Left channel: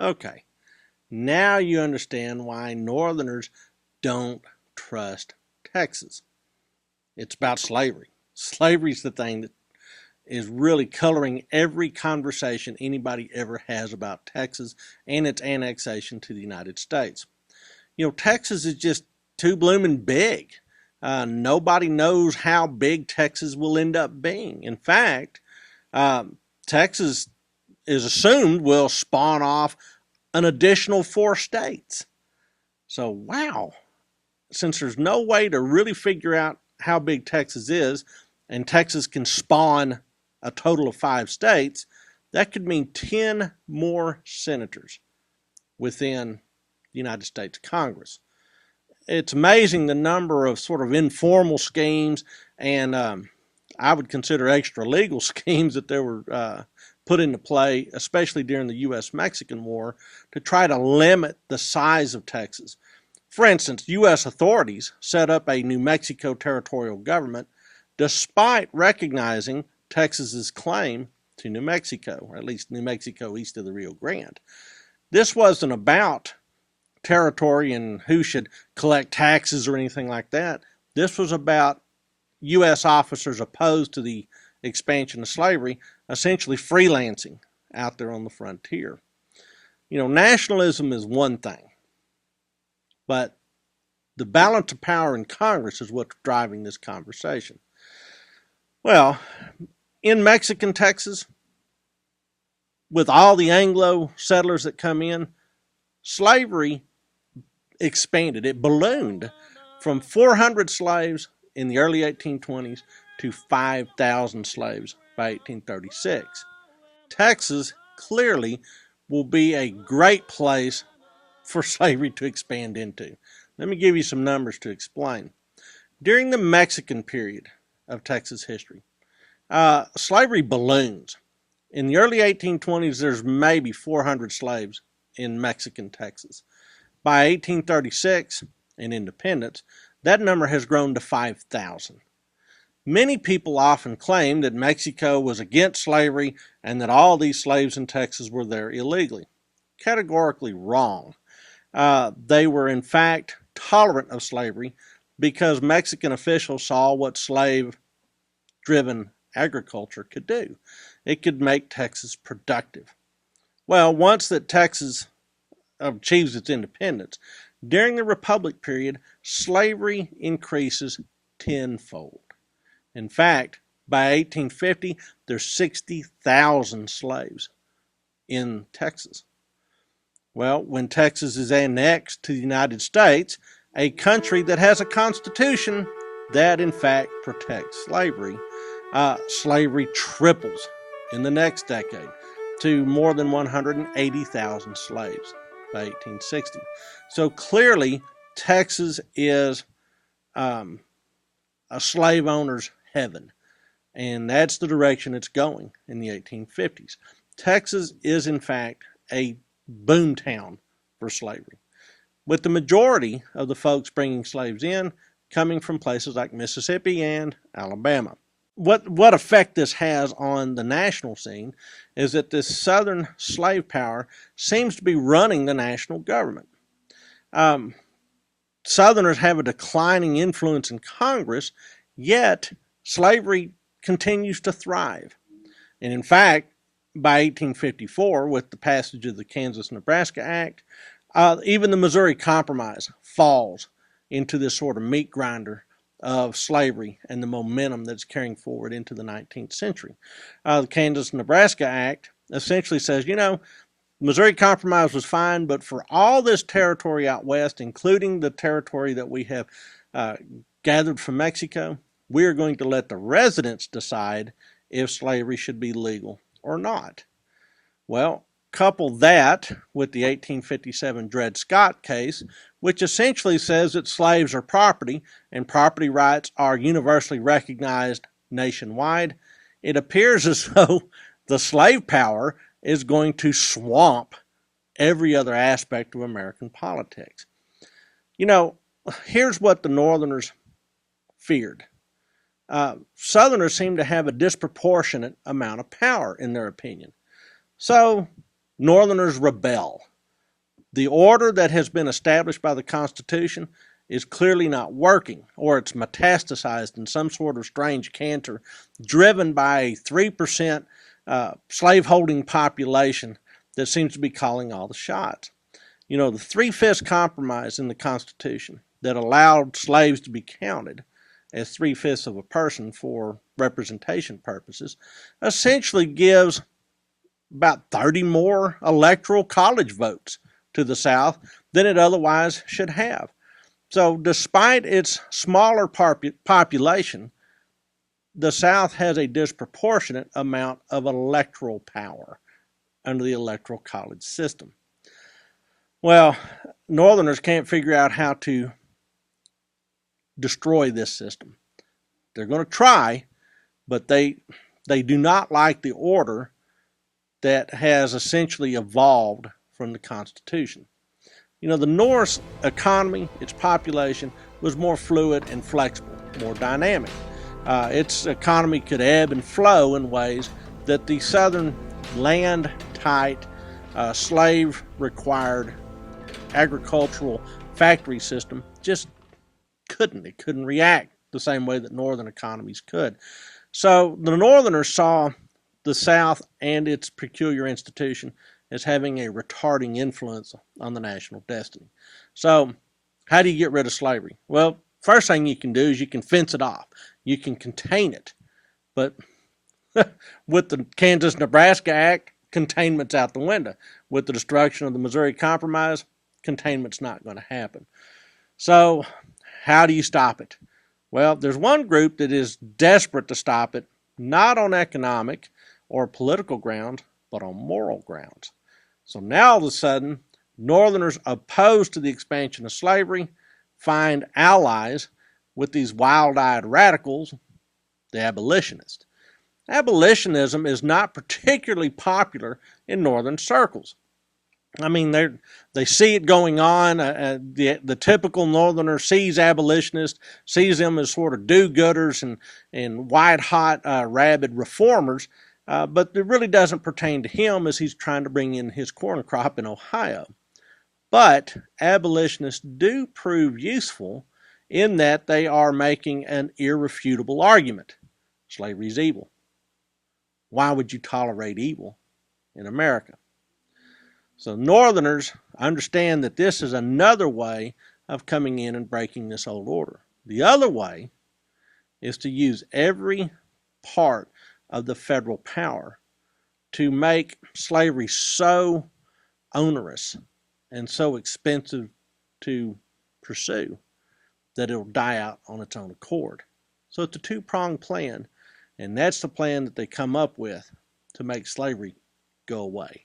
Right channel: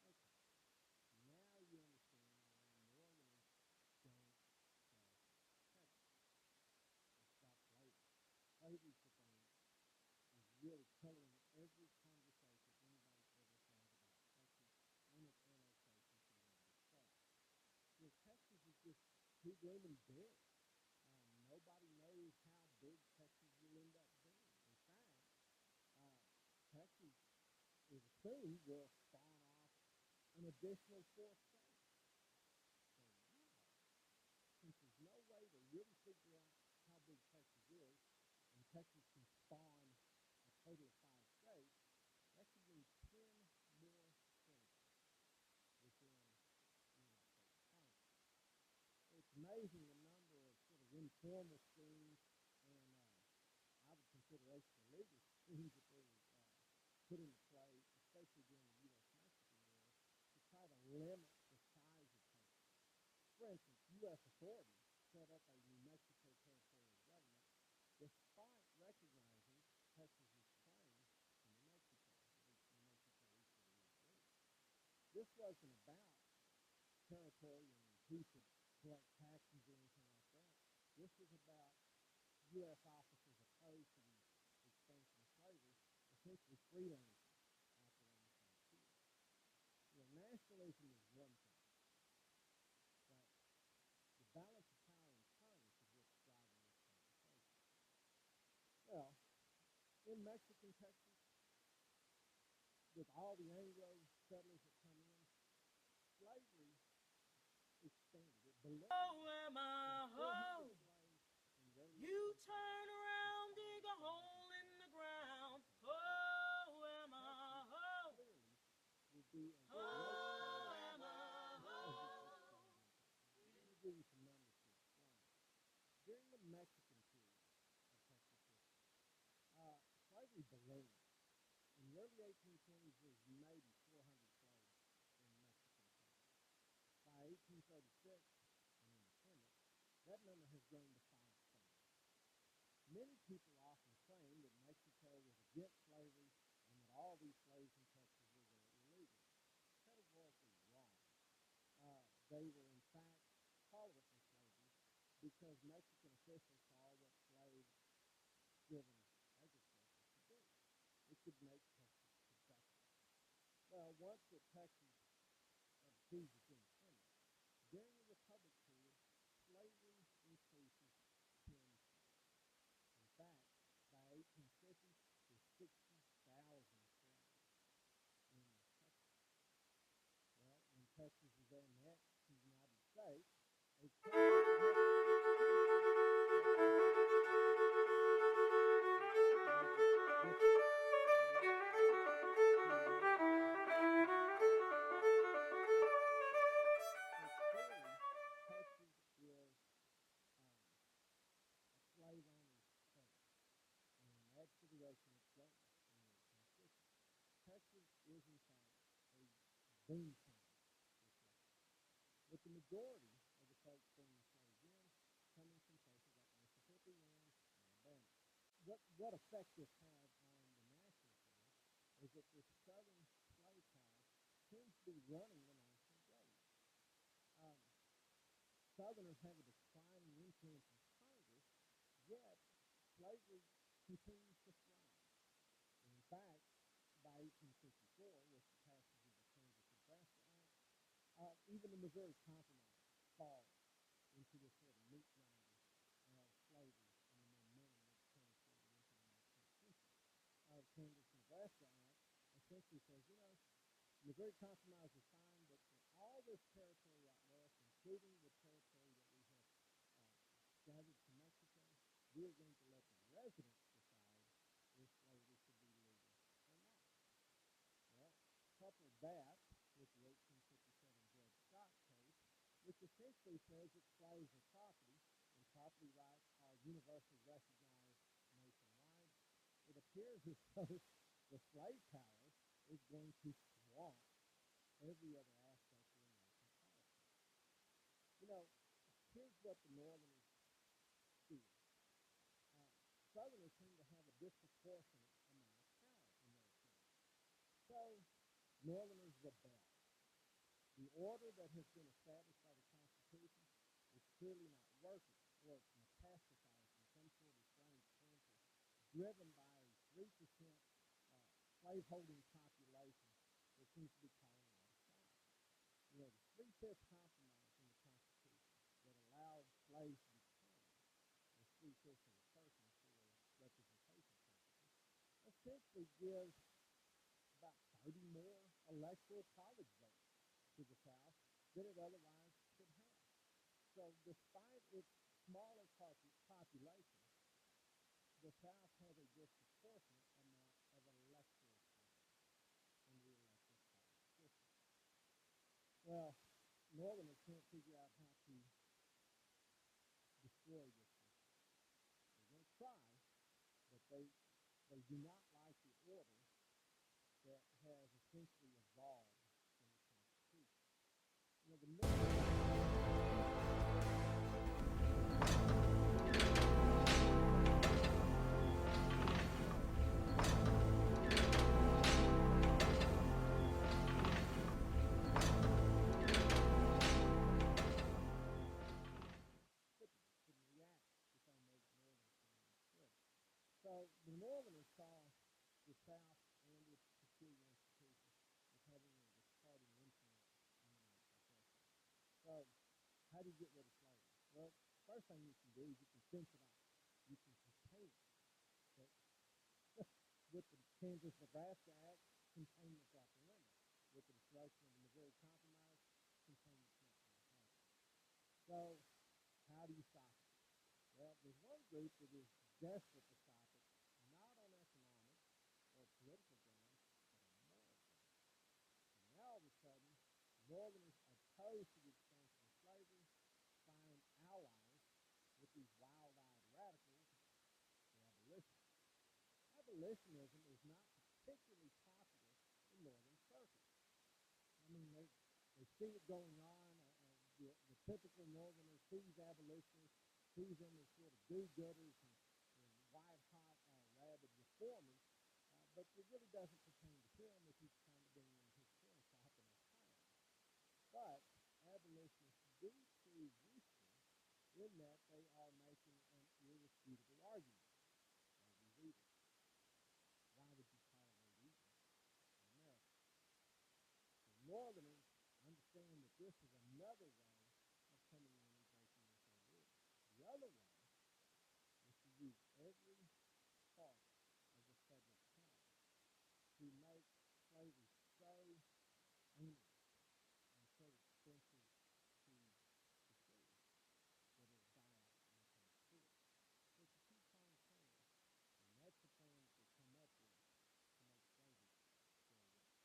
Okay, now you understand why Northerners don't trust Texas. It's about slavery. Slavery's the thing that is really coloring every conversation anybody ever has about Texas and its annexation to the United States. Texas is just too blooming big. Nobody knows how big Texas will end up being. In fact, Texas is assumed will spawn off an additional 4 states. So, wow, since there's no way to really figure out how big Texas is, and Texas can spawn a total of 5 states, that could mean 10 more senators within the United States Congress. It's amazing the number of sort of informal schemes and I would consider extra legal schemes that there were put into play, especially during the U.S.-Mexican War, to try to limit the size of Texas. For instance, U.S. authorities set up a New Mexico territorial government despite recognizing Texas's claim to New Mexico, or at least New Mexico east of the Rio Grande. This wasn't about territory and who should collect taxes or anything like that. This was about U.S. officers opposed to the expansion of slavery essentially freelancing out there on the frontier. Nationalism is one thing, but the balance of power in Congress is what's driving this conversation. Well, in Mexican Texas, with all the Anglo settlers that come in, slavery expanded. It ballooned from 400 slaves in the early 1820s to 5,000 slaves by 1836. Texas clearly will be a great place for slavery to expand into. Let me give you some numbers to explain. During the Mexican period of Texas history, slavery balloons. In the early 1820s, there's maybe 400 slaves in Mexican Texas. By 1836 and independence, that number has grown to 5,000. Many people often claim that Mexico was against slavery and that all these slaves in Texas were there illegally. Categorically wrong. They were in fact tolerant of slavery because Mexican officials saw what slave-driven agriculture could do. It could make Texas productive. Well, once that Texas achieves its independence, during the Republic period, slavery increases tenfold. In fact, by 1850, there's 60,000 slaves in Texas. Well, when Texas is annexed to the United States, a country that has a constitution that in fact protects slavery, slavery triples in the next decade to more than 180,000 slaves by 1860. So clearly, Texas is a slave owner's heaven, and that's the direction it's going in the 1850s. Texas is, in fact, a boomtown for slavery, with the majority of the folks bringing slaves in coming from places like Mississippi and Alabama. What effect this has on the national scene is that this southern slave power seems to be running the national government. Southerners have a declining influence in Congress, yet slavery continues to thrive. And in fact, by 1854, with the passage of the Kansas-Nebraska Act, even the Missouri Compromise falls into this sort of meat grinder of slavery and the momentum that's carrying forward into the 19th century. The Kansas-Nebraska Act essentially says, Missouri Compromise was fine, but for all this territory out west, including the territory that we have gathered from Mexico, we are going to let the residents decide if slavery should be legal or not. Well, couple that with the 1857 Dred Scott case, which essentially says that slaves are property and property rights are universally recognized nationwide, it appears as though the slave power is going to swamp every other aspect of American politics. Here's what the Northerners feared. Southerners seem to have a disproportionate amount of power in their opinion. So Northerners rebel The order that has been established by the Constitution is clearly not working, or it's metastasized in some sort of strange cancer driven by a 3% slaveholding population that seems to be calling all the shots. You know, the three-fifths compromise in the Constitution that allowed slaves to be counted as three-fifths of a person for representation purposes essentially gives about 30 more electoral college votes to the South than it otherwise should have. So despite its smaller population, the South has a disproportionate amount of electoral power under the electoral college system. Well, Northerners can't figure out how to destroy this system. They're going to try, but they do not like the order that has essentially evolved from the Constitution. You know, the North's economy, its population, was more fluid and flexible, more dynamic. Its economy could ebb and flow in ways that the Southern land-tight, slave-required agricultural factory system just couldn't. It couldn't react the same way that Northern economies could. So the Northerners saw the South and its peculiar institution as having a retarding influence on the national destiny. So how do you get rid of slavery? Well, first thing you can do is you can fence it off. You can contain it. But with the Kansas-Nebraska Act, containment's out the window. With the destruction of the Missouri Compromise, containment's not going to happen. So how do you stop it? Well, there's one group that is desperate to stop it, not on economic or political grounds, but on moral grounds. So now all of a sudden, Northerners opposed to the expansion of slavery find allies with these wild-eyed radicals, the abolitionists. Abolitionism is not particularly popular in Northern circles. I mean, they see it going on. The typical Northerner sees abolitionists, sees them as sort of do-gooders and white-hot, rabid reformers, but it really doesn't pertain to him as he's trying to bring in his corn crop in Ohio. But abolitionists do prove useful in that they are making an irrefutable argument. Slavery is evil. Why would you tolerate evil in America? So Northerners understand that this is another way of coming in and breaking this old order. The other way is to use every part of the federal power to make slavery so onerous and so expensive to pursue that it'll die out on its own accord. So it's a two-pronged plan, and that's the plan that they come up with to make slavery go away.